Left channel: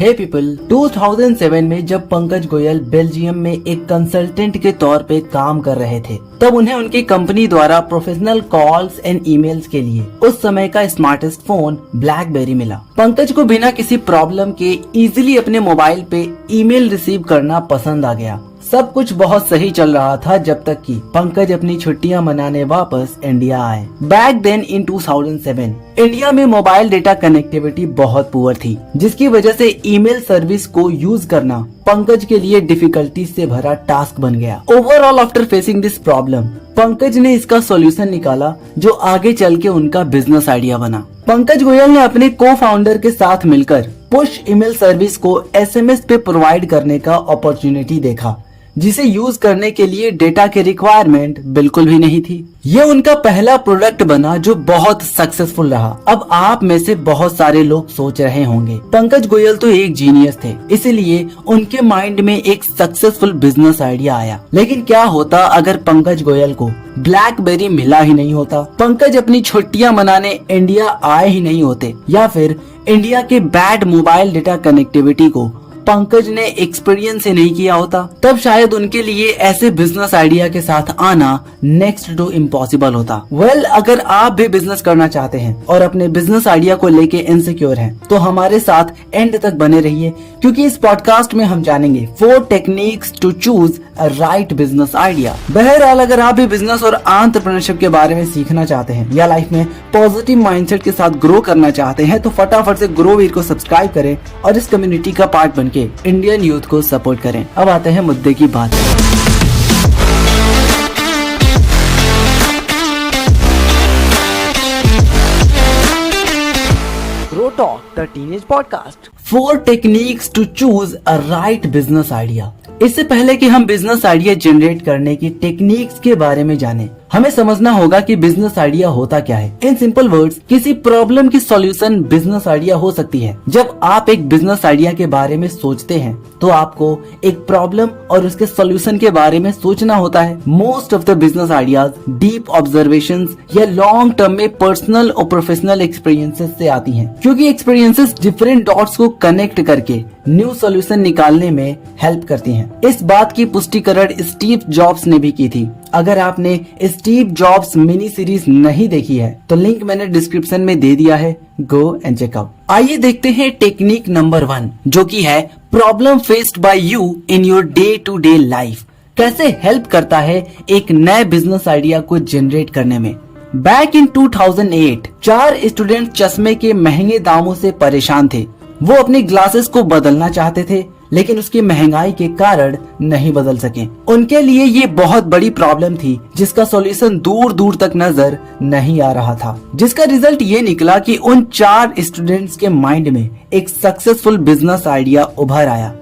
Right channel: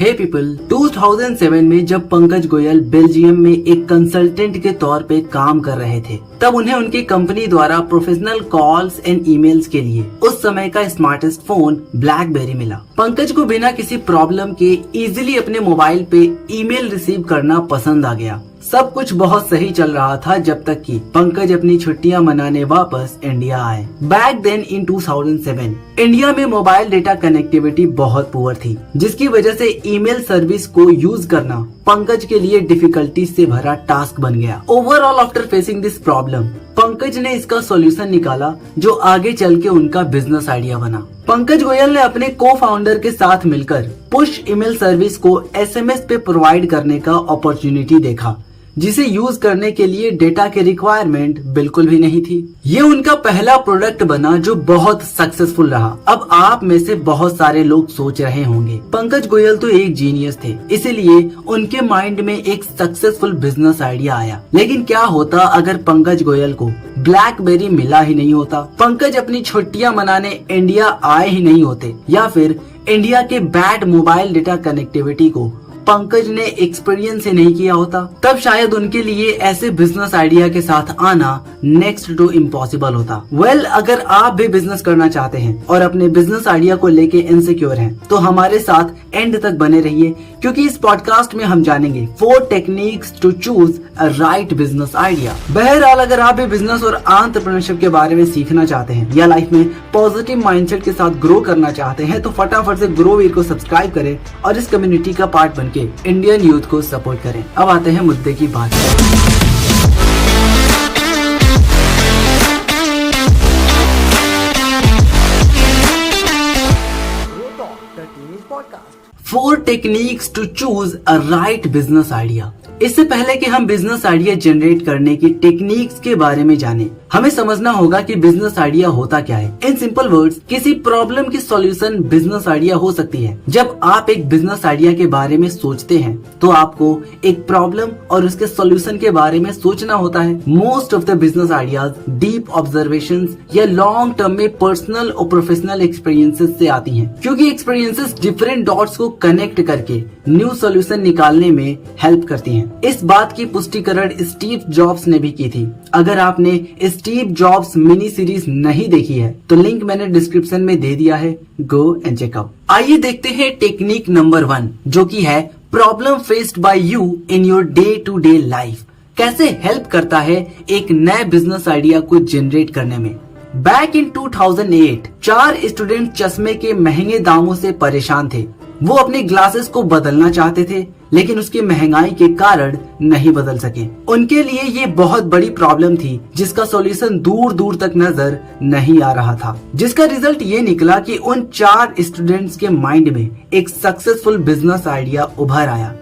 हे people, 2007 में जब Pankaj Goyal Belgium में एक कंसल्टेंट के तौर पे काम कर रहे थे, तब उन्हें उनकी कंपनी द्वारा प्रोफेशनल कॉल्स एंड ईमेल्स के लिए उस समय का स्मार्टेस्ट फोन ब्लैकबेरी मिला। पंकज को बिना किसी प्रॉब्लम के इजीली अपने मोबाइल पे ईमेल रिसीव करना पसंद आ गया। सब कुछ बहुत सही चल रहा था जब तक कि पंकज अपनी छुट्टियां मनाने वापस इंडिया आए। बैक देन इन 2007 इंडिया में मोबाइल डेटा कनेक्टिविटी बहुत पुअर थी, जिसकी वजह से ईमेल सर्विस को यूज करना पंकज के लिए डिफिकल्टी से भरा टास्क बन गया। Overall after facing this problem, Pankaj ने इसका सॉल्यूशन निकाला जो आगे चल के उनका बिजनेस आइडिया बना। पंकज गोयल ने अपने को फाउंडर के साथ मिलकर पुश ईमेल सर्विस को एसएमएस पे प्रोवाइड करने का अपॉर्चुनिटी देखा, जिसे यूज करने के लिए डेटा के रिक्वायरमेंट बिल्कुल भी नहीं थी। ये उनका पहला प्रोडक्ट बना जो बहुत सक्सेसफुल रहा। अब आप में से बहुत सारे लोग सोच रहे होंगे, पंकज गोयल तो एक जीनियस थे, इसीलिए उनके माइंड में एक सक्सेसफुल बिजनेस आइडिया आया। लेकिन क्या होता अगर पंकज गोयल को ब्लैकबेरी मिला ही नहीं होता, पंकज अपनी छुट्टियां मनाने इंडिया आए ही नहीं होते, या फिर इंडिया के बैड मोबाइल डेटा कनेक्टिविटी को पंकज ने एक्सपीरियंस ही नहीं किया होता, तब शायद उनके लिए ऐसे बिजनेस आइडिया के साथ आना नेक्स्ट टू इम्पॉसिबल होता। अगर आप भी बिजनेस करना चाहते हैं और अपने बिजनेस आइडिया को लेके इनसिक्योर हैं, तो हमारे साथ एंड तक बने रहिए, क्योंकि इस पॉडकास्ट में हम जानेंगे 4 techniques to choose a right business idea. बहरहाल, अगर आप भी बिजनेस और एंटरप्रेन्योरशिप के बारे में सीखना चाहते हैं या लाइफ में पॉजिटिव माइंडसेट के साथ ग्रो करना चाहते हैं, तो फटाफट से ग्रो वीर को सब्सक्राइब करें और इस कम्युनिटी का पार्ट बनके इंडियन यूथ को सपोर्ट करें। अब आते हैं मुद्दे की बात। Grow talk, the teenage podcast. 4 techniques to choose a right business idea. इससे पहले कि हम बिजनेस आइडिया जनरेट करने की टेक्निक्स के बारे में जानें, हमें समझना होगा कि बिजनेस आइडिया होता क्या है। इन सिंपल वर्ड्स, किसी प्रॉब्लम की सॉल्यूशन बिजनेस आइडिया हो सकती है। जब आप एक बिजनेस आइडिया के बारे में सोचते हैं, तो आपको एक प्रॉब्लम और उसके सॉल्यूशन के बारे में सोचना होता है। Most of the business ideas deep observations या लॉन्ग टर्म में पर्सनल और प्रोफेशनल एक्सपीरियंसेस से आती हैं, क्योंकि एक्सपीरियंसेस डिफरेंट डॉट्स को कनेक्ट करके न्यू सॉल्यूशन निकालने में हेल्प करती हैं। इस बात की पुष्टिकरण स्टीव जॉब्स ने भी की थी। अगर आपने स्टीव जॉब्स मिनी सीरीज नहीं देखी है, तो लिंक मैंने डिस्क्रिप्शन में दे दिया है, गो एंड चेक आउट। आइए देखते हैं टेक्निक नंबर 1, जो कि है problem faced by you in your day to day life. कैसे हेल्प करता है एक नए बिजनेस आइडिया को जनरेट करने में। बैक इन 2008 4 स्टूडेंट चश्मे के महंगे दामों से परेशान थे। वो अपनी ग्लासेस को बदलना चाहते थे, लेकिन उसकी महंगाई के कारण नहीं बदल सके। उनके लिए ये बहुत बड़ी प्रॉब्लम थी, जिसका सॉल्यूशन दूर दूर तक नजर नहीं आ रहा था। जिसका रिजल्ट ये निकला कि उन 4 स्टूडेंट्स के माइंड में एक सक्सेसफुल बिजनेस आइडिया उभर आया,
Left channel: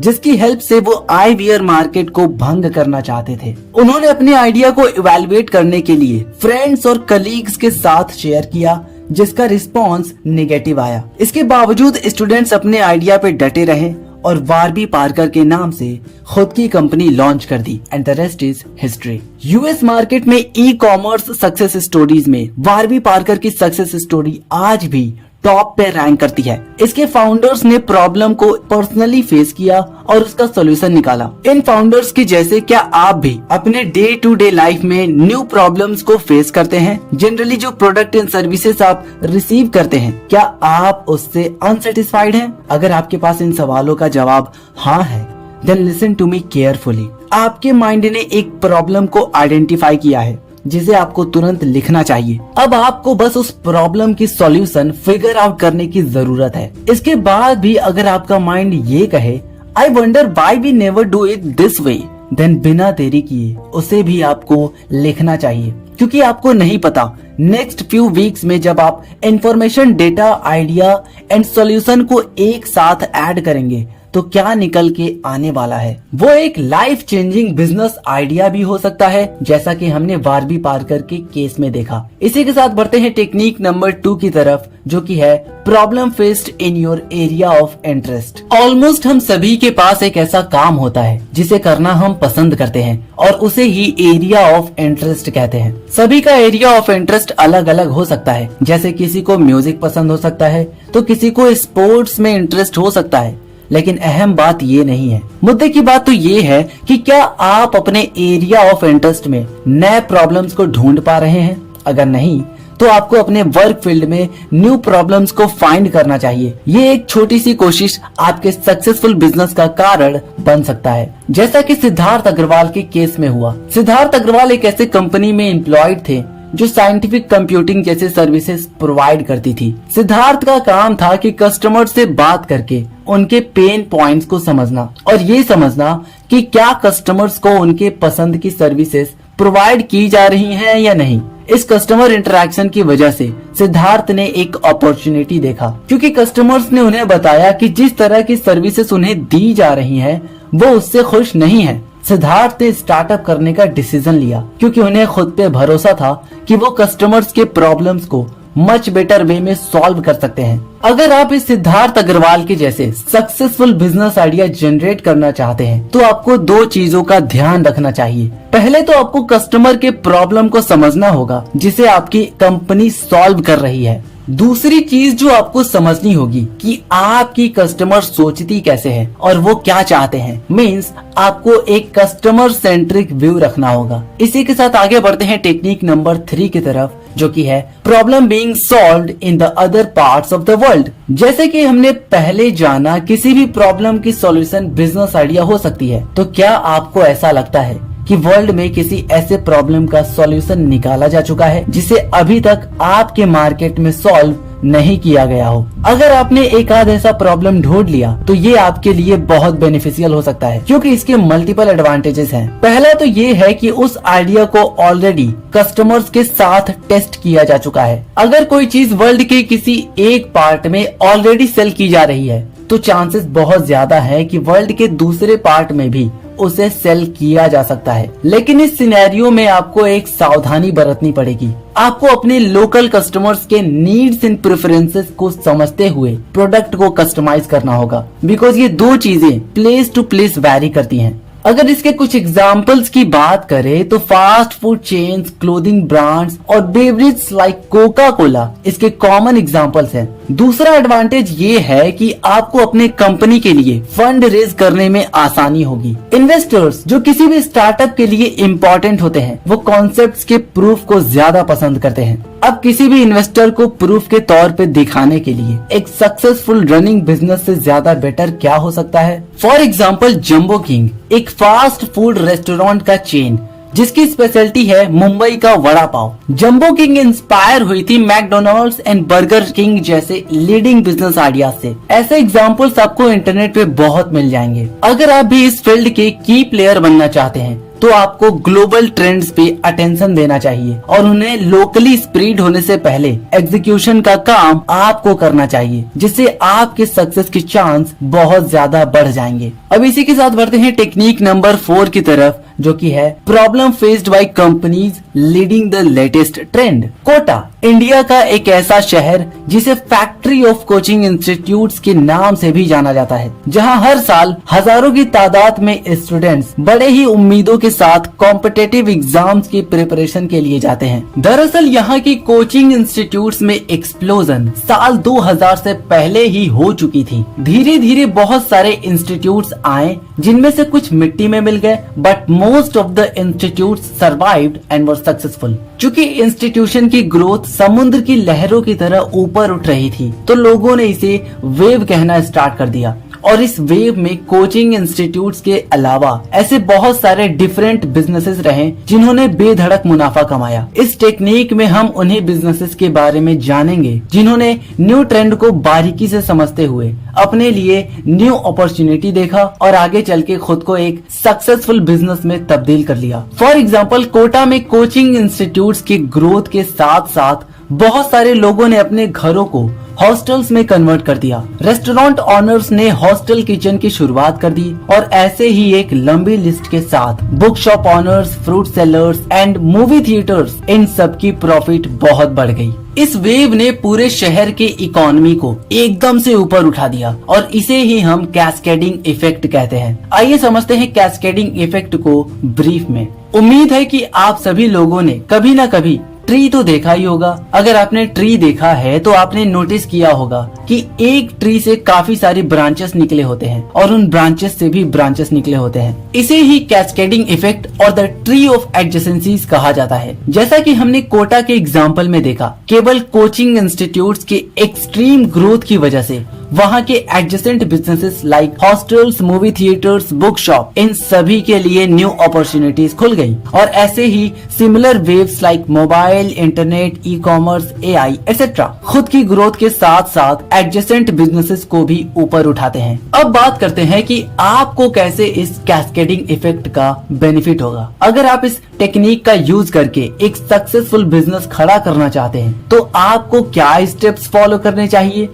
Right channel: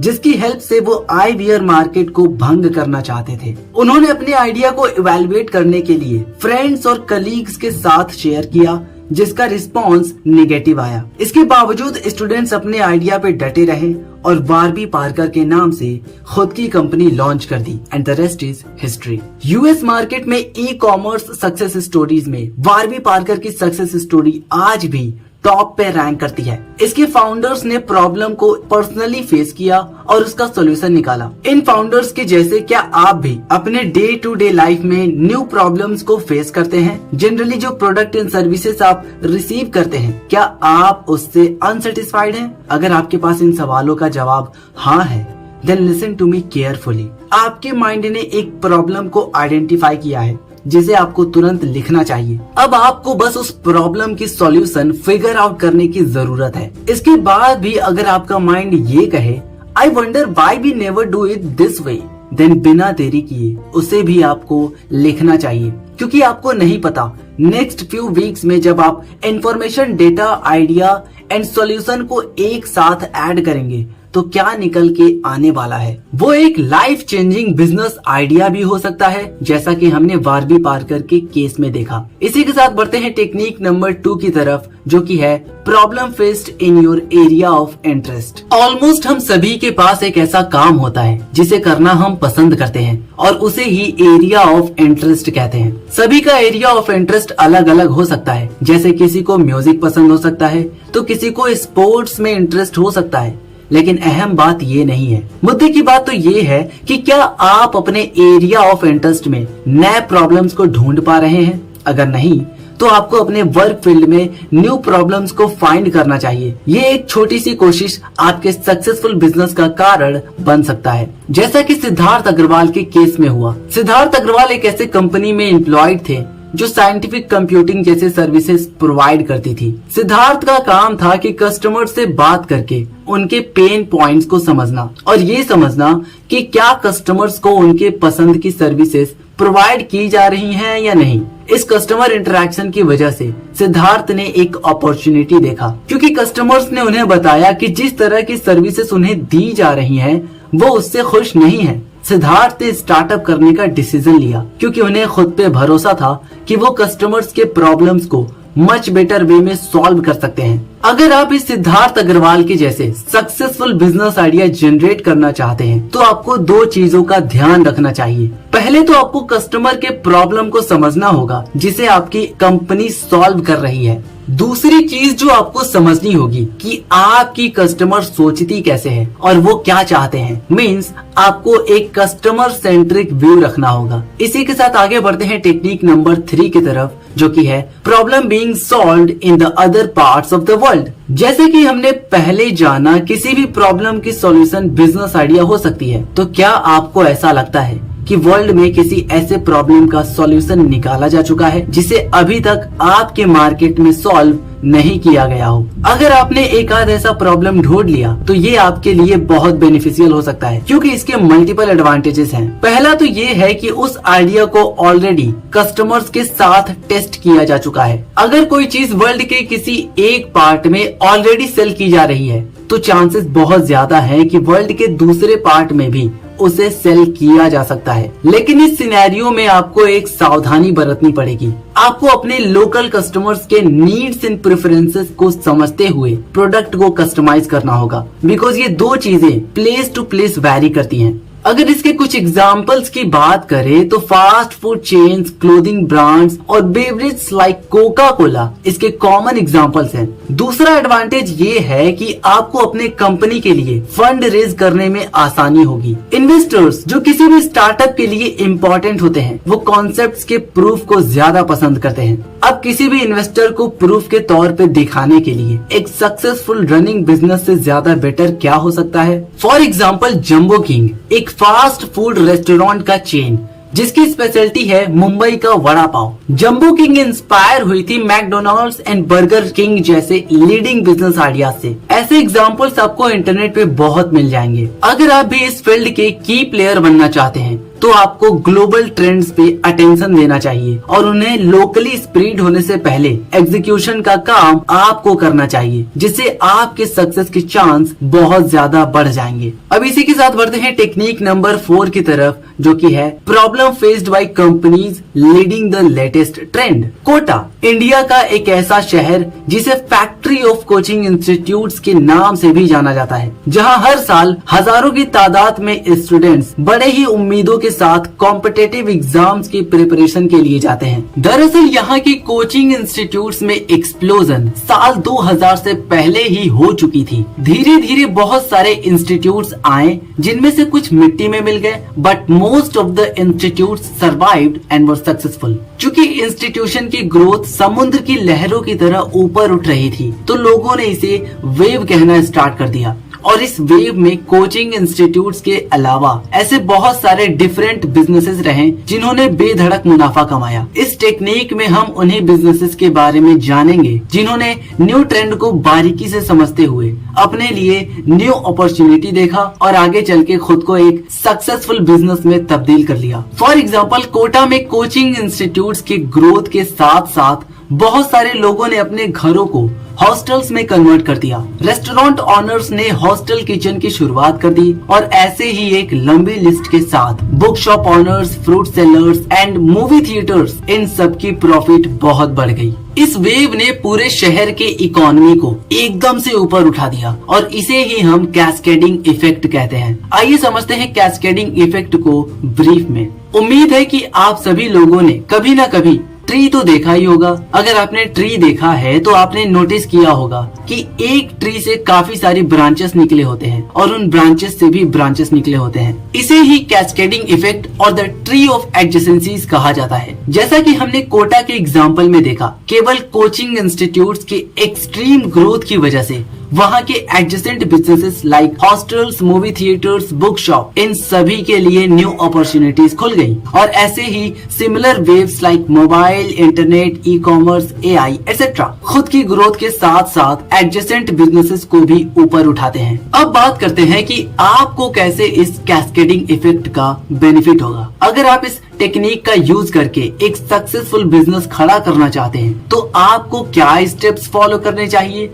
जिसकी हेल्प से वो आई वियर मार्केट को भंग करना चाहते थे। उन्होंने अपने आइडिया को इवैल्यूएट करने के लिए फ्रेंड्स और कलीग्स के साथ शेयर किया, जिसका रिस्पॉन्स नेगेटिव आया। इसके बावजूद स्टूडेंट्स अपने आइडिया पे डटे रहे और वारबी पार्कर के नाम से खुद की कंपनी लॉन्च कर दी, and the rest is history. US market में ई कॉमर्स सक्सेस स्टोरीज में वारबी पार्कर की सक्सेस स्टोरी आज भी टॉप पे रैंक करती है। इसके फाउंडर्स ने प्रॉब्लम को पर्सनली फेस किया और उसका सॉल्यूशन निकाला। इन फाउंडर्स के जैसे क्या आप भी अपने डे टू डे लाइफ में न्यू प्रॉब्लम्स को फेस करते हैं? जनरली जो प्रोडक्ट एंड सर्विसेज आप रिसीव करते हैं, क्या आप उससे अनसेटिस्फाइड हैं? अगर आपके पास इन सवालों का जवाब हाँ है, then listen to me carefully. आपके माइंड ने एक प्रॉब्लम को आइडेंटिफाई किया है, जिसे आपको तुरंत लिखना चाहिए। अब आपको बस उस प्रॉब्लम की सॉल्यूशन फिगर आउट करने की जरूरत है। इसके बाद भी अगर आपका माइंड ये कहे, I wonder why we never do it this way, then बिना देरी किए उसे भी आपको लिखना चाहिए, क्योंकि आपको नहीं पता नेक्स्ट फ्यू वीक्स में जब आप information, data, idea and solution को एक साथ ऐड करेंगे, तो क्या निकल के आने वाला है। वो एक लाइफ चेंजिंग बिजनेस आइडिया भी हो सकता है, जैसा कि हमने बारबी पार्कर के केस में देखा। इसी के साथ बढ़ते हैं टेक्निक नंबर 2 की तरफ, जो कि है problem faced in your area of interest. Almost हम सभी के पास एक ऐसा काम होता है जिसे करना हम पसंद करते हैं और उसे ही एरिया ऑफ इंटरेस्ट कहते हैं। सभी का एरिया ऑफ इंटरेस्ट अलग अलग हो सकता है, जैसे किसी को म्यूजिक पसंद हो सकता है तो किसी को स्पोर्ट्स में इंटरेस्ट हो सकता है। लेकिन अहम बात ये नहीं है, मुद्दे की बात तो ये है कि क्या आप अपने एरिया ऑफ इंटरेस्ट में नए प्रॉब्लम्स को ढूंढ पा रहे हैं। अगर नहीं तो आपको अपने वर्क फील्ड में न्यू प्रॉब्लम्स को फाइंड करना चाहिए। ये एक छोटी सी कोशिश आपके सक्सेसफुल बिजनेस का कारण बन सकता है, जैसा कि सिद्धार्थ अग्रवाल के केस में हुआ। सिद्धार्थ अग्रवाल एक ऐसे कंपनी में एम्प्लॉयड थे जो साइंटिफिक कंप्यूटिंग जैसे सर्विसेज प्रोवाइड करती थी। सिद्धार्थ का काम था कि कस्टमर से बात करके उनके पेन पॉइंट्स को समझना और ये समझना कि क्या कस्टमर्स को उनके पसंद की सर्विसेज प्रोवाइड की जा रही हैं या नहीं। इस कस्टमर इंटरेक्शन की वजह से सिद्धार्थ ने एक अपॉर्चुनिटी देखा, क्योंकि कस्टमर्स ने उन्हें बताया कि जिस तरह की सर्विसेज उन्हें दी जा रही हैं, वो उससे खुश नहीं है। सिद्धार्थ ने स्टार्टअप करने का डिसीजन लिया, क्योंकि उन्हें खुद पे भरोसा था कि वो कस्टमर्स के प्रॉब्लम्स को मच बेटर वे में सॉल्व कर सकते हैं। अगर आप इस सिद्धार्थ अग्रवाल के जैसे सक्सेसफुल बिजनेस आइडिया जनरेट करना चाहते हैं तो आपको 2 चीजों का ध्यान रखना चाहिए। पहले तो आपको कस्टमर के प्रॉब्लम को समझना होगा जिसे आपकी कंपनी सॉल्व कर रही है। दूसरी चीज जो आपको समझनी होगी कि आपकी कस्टमर सोचती कैसे है और वो क्या चाहते हैं। मीन्स आपको एक कस्टमर सेंट्रिक व्यू रखना होगा। इसी के साथ आगे बढ़ते हैं टेक्निक नंबर 3 की तरफ, जो कि है problem being solved in the other parts of the world. जैसे कि हमने पहले जाना, किसी भी प्रॉब्लम की सॉल्यूशन बिजनेस आइडिया हो सकती है। तो क्या आपको ऐसा लगता है कि वर्ल्ड में किसी ऐसे प्रॉब्लम का सॉल्यूशन निकाला जा चुका है जिसे अभी तक आपके मार्केट में सॉल्व नहीं किया गया हो? अगर आपने एक आध ऐसा प्रॉब्लम ढूंढ लिया तो ये आपके लिए बहुत बेनिफिशियल हो सकता है, क्योंकि इसके मल्टीपल एडवांटेजेस हैं। पहला तो ये है कि उस आइडिया को ऑलरेडी कस्टमर्स के साथ टेस्ट किया जा चुका है। अगर कोई चीज वर्ल्ड के किसी एक पार्ट में ऑलरेडी सेल की जा रही है तो चांसेस बहुत ज्यादा है कि वर्ल्ड के दूसरे पार्ट में भी उसे सेल किया जा सकता है। लेकिन इस सिनेरियो में आपको एक सावधानी बरतनी पड़ेगी। आपको अपने लोकल कस्टमर्स के नीड्स एंड प्रेफरेंसेस को समझते हुए प्रोडक्ट को कस्टमाइज करना होगा, बिकॉज ये 2 चीजें प्लेस टू प्लेस वैरी करती हैं। अगर इसके कुछ एग्जाम्पल्स की बात करें तो fast food chains, clothing brands और बेवरेज लाइक कोका कोला इसके कॉमन एग्जाम्पल्स हैं। दूसरा एडवांटेज ये है कि आपको अपने कंपनी के लिए फंड रेज करने में आसानी होगी। इन्वेस्टर्स जो किसी भी स्टार्टअप के लिए इम्पोर्टेंट होते हैं, वो कॉन्सेप्ट्स के प्रूफ को ज्यादा पसंद करते हैं। अब किसी भी इन्वेस्टर को प्रूफ के तौर पे दिखाने के लिए एक सक्सेसफुल रनिंग बिजनेस से ज्यादा बेटर क्या हो सकता है। फॉर एग्जाम्पल जंबो किंग एक फास्ट फूड रेस्टोरेंट का चेन जिसकी स्पेशलिटी है मुंबई का vada pav. Jumbo king inspire हुई थी मैकडोनाल्ड्स एंड बर्गर किंग जैसे लीडिंग बिजनेस आइडिया से। ऐसे एग्जाम्पल्स आपको इंटरनेट पे बहुत मिल जाएंगे। अगर आप भी इस फील्ड के की प्लेयर बनना चाहते हैं तो आपको ग्लोबल ट्रेंड्स पे अटेंशन देना चाहिए और उन्हें लोकली स्प्रेड होने से पहले एग्जीक्यूशन का काम आपको करना चाहिए, जिससे आपके सक्सेस के चांस बहुत ज्यादा बढ़ जाएंगे। अब इसी के साथ बढ़ते हैं टेक्निक नंबर 4 की तरफ, जो कि है problem faced by companies leading the latest trend. Kota India का एक ऐसा शहर जिसे फैक्ट्री ऑफ कोचिंग इंस्टीट्यूट्स के नाम से भी जाना जाता है, जहां हर साल हजारों की तादाद में स्टूडेंट्स बड़े ही उम्मीदों के साथ कॉम्पिटिटिव एग्जाम्स की प्रिपरेशन के लिए जाते हैं। दरअसल यहाँ की कोचिंग इंस्टीट्यूट्स में एक्सप्लोजन साल 2000 से पहले ही हो चुकी थी। धीरे धीरे बहुत सारे इंस्टीट्यूट्स आए, जिनमें से कुछ मिट्टी में मिल गए, but most of the institutes survived and were successful. चूँकि इंस्टीट्यूशन की ग्रोथ समुद्र की लहरों की तरह ऊपर उठ रही थी, तो लोगों ने इसे वेव कहना स्टार्ट कर दिया। और इस वेव में कोचिंग इंस्टीट्यूट्स के अलावा ऐसे बहुत सारे डिफरेंट बिजनेसेस रहे जिन्होंने बेधड़क मुनाफा कमाया। इस टेक्निक में हम उन्हीं बिजनेसेस के बारे में जानेंगे जिन्होंने न्यू ट्रेंड को बारीकी से समझते हुए अपने लिए न्यू अपॉर्चुनिटी देखा और आगे चल के खुद को एक सक्सेसफुल बिजनेस में तब्दील कर लिया। फॉर एग्जाम्पल कोटा में कोचिंग इंस्टीट्यूट्स की ग्रोथ के साथ साथ बहुत सारे लोगों ने अपने घरों को हॉस्टल्स में कन्वर्ट कर दिया। रेस्टोरेंट ऑनर्स ने हॉस्टल किचन की शुरुआत कर दी और ऐसे ही एक लंबी लिस्ट के साथ book shop owners, fruit sellers and movie theatres, इन सब की प्रॉफिट बहुत बढ़ गई। इस वेव ने पूरे शहर के इकोनॉमी को एकदम से ऊपर उठा दिया और इसे ही हम कैस्केडिंग इफेक्ट कहते हैं। आइए समझते हैं कैस्केडिंग इफेक्ट को ब्रीफ में। उम्मीद है कि आप सभी लोगों ने कभी न कभी ट्री तो देखा ही होगा। अगर आपने ट्री देखा है तो आपने नोटिस किया होगा कि एक ट्री से काफी सारी ब्रांचेस निकले होते हैं और उन ब्रांचेस से भी ब्रांचेस निकले होते हैं। इसे ही कैस्केडिंग इफेक्ट और द ट्री ऑफ एडजेसेंसीज कहा जाता है। जैसा कि हमने कोटा के एग्जाम्पल में देखा, केवल कोचिंग इंस्टीट्यूट्स के एक्सट्रीम ग्रोथ की वजह से वहाँ के adjacent businesses like hostels, movie theatres, book shop, इन सभी के लिए न्यू अपॉर्चुनिटीज खुल गई। और ऐसे ही similar waves like mobile, internet, e commerce, AI etcetera खुद की ग्रोथ के साथ साथ एडजेसेंट बिजनेसेस को भी ऊपर उठाते हैं। अब बात करते हैं कि आपको कैसे इस कैस्केडिंग इफेक्ट का बेनिफिट होगा। अगर आप इस टेक्निक का यूज करके एक सक्सेसफुल बिजनेस खड़ा करना चाहते हैं तो आपको क्या स्टेप्स फॉलो करने चाहिए?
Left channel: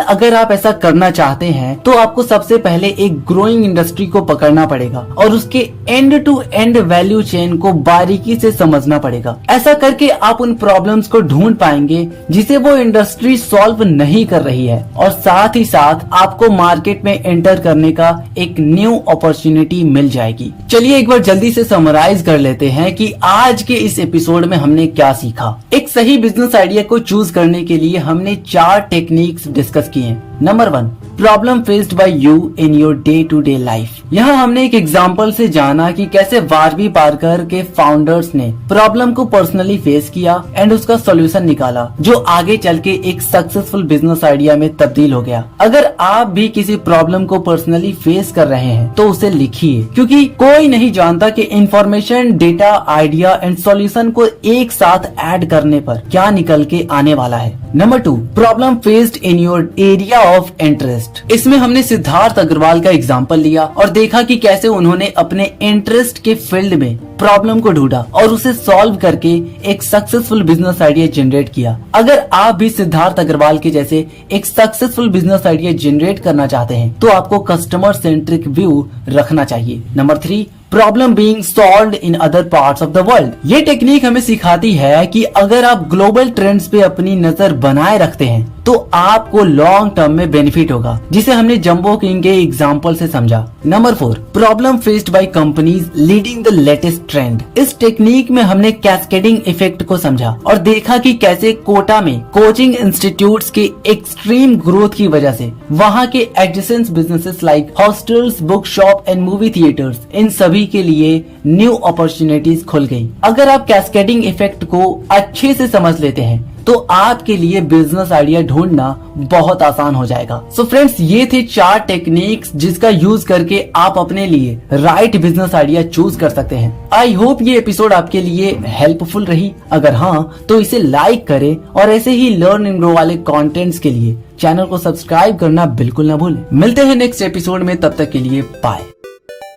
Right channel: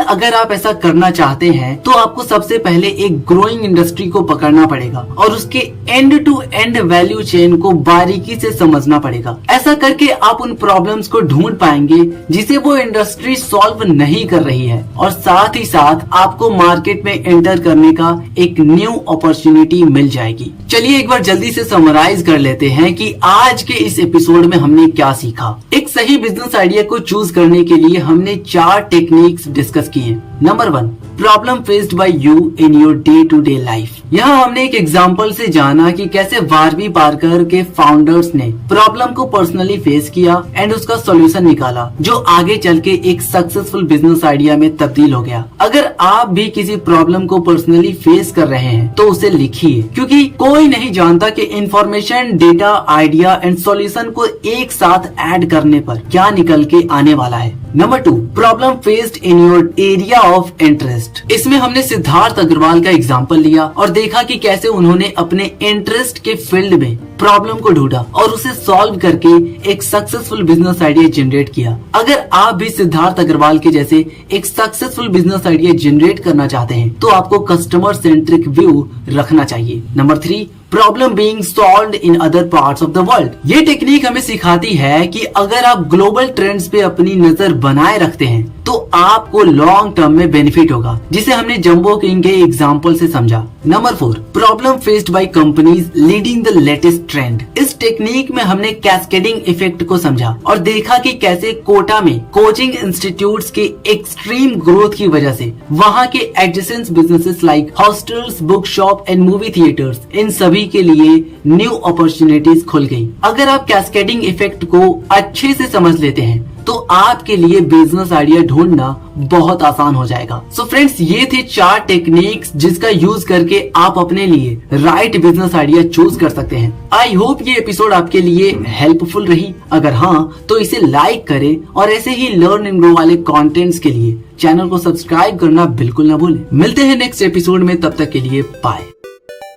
अगर आप ऐसा करना चाहते हैं तो आपको सबसे पहले एक ग्रोइंग इंडस्ट्री को पकड़ना पड़ेगा और उसके end to end value chain को बारीकी से समझना पड़ेगा। ऐसा करके आप उन प्रॉब्लम्स को ढूंढ पाएंगे जिसे वो इंडस्ट्री सॉल्व नहीं कर रही है और साथ ही साथ आपको मार्केट में एंटर करने का एक न्यू अपॉर्चुनिटी मिल जाएगी। चलिए एक बार जल्दी से समराइज कर लेते हैं कि आज के इस एपिसोड में हमने क्या सीखा। एक सही बिजनेस आइडिया को चूज करने के लिए हमने 4 टेक्निक्स डिस्कस किए। Number 1, problem faced by you in your day to day life. यहाँ हमने एक एग्जाम्पल से जाना कि कैसे वारबी पार्कर के फाउंडर्स ने प्रॉब्लम को पर्सनली फेस किया एंड उसका सोल्यूशन निकाला, जो आगे चल के एक सक्सेसफुल बिजनेस आइडिया में तब्दील हो गया। अगर आप भी किसी प्रॉब्लम को पर्सनली फेस कर रहे हैं तो उसे लिखिए, क्योंकि कोई नहीं जानता कि information, data, idea and solution को एक साथ ऐड करने पर क्या निकल के आने वाला है। Number 2, problem faced in your area of interest. इसमें हमने सिद्धार्थ अग्रवाल का एग्जांपल लिया और देखा कि कैसे उन्होंने अपने इंटरेस्ट के फील्ड में प्रॉब्लम को ढूंढा और उसे सॉल्व करके एक सक्सेसफुल बिजनेस आइडिया जनरेट किया। अगर आप भी सिद्धार्थ अग्रवाल के जैसे एक सक्सेसफुल बिजनेस आइडिया जनरेट करना चाहते हैं तो आपको कस्टमर सेंट्रिक व्यू रखना चाहिए। Number 3, problem being solved in other parts of the world. ये टेक्निक हमें सिखाती है कि अगर आप ग्लोबल ट्रेंड्स पे अपनी नजर बनाए रखते हैं तो आपको लॉन्ग टर्म में बेनिफिट होगा, जिसे हमने जंबो किंग के एग्जांपल से समझा। Number 4, problem faced by companies leading the latest trend. इस टेक्निक में हमने कैस्केडिंग इफेक्ट को समझा और देखा कि कैसे कोटा में कोचिंग इंस्टीट्यूट्स के एक्सट्रीम ग्रोथ की वजह से वहाँ के adjacent businesses like hostels, book shop and movie theatres, इन सभी के लिए न्यू अपॉर्चुनिटीज खुल गई। अगर आप कैस्केडिंग इफेक्ट को अच्छे से समझ लेते हैं तो आपके लिए बिजनेस आइडिया ढूंढना बहुत आसान हो जाएगा। सो फ्रेंड्स, ये थे 4 टेक्निक्स जिसका यूज करके आप अपने लिए राइट बिजनेस आइडिया चूज कर सकते हैं। आई होप ये एपिसोड आपके लिए हेल्पफुल रही। अगर हाँ तो इसे लाइक करें और ऐसे ही लर्न एंड ग्रो वाले कंटेंट्स के लिए चैनल को सब्सक्राइब करना बिल्कुल ना भूलें। मिलते हैं नेक्स्ट एपिसोड में, तब तक के लिए बाय।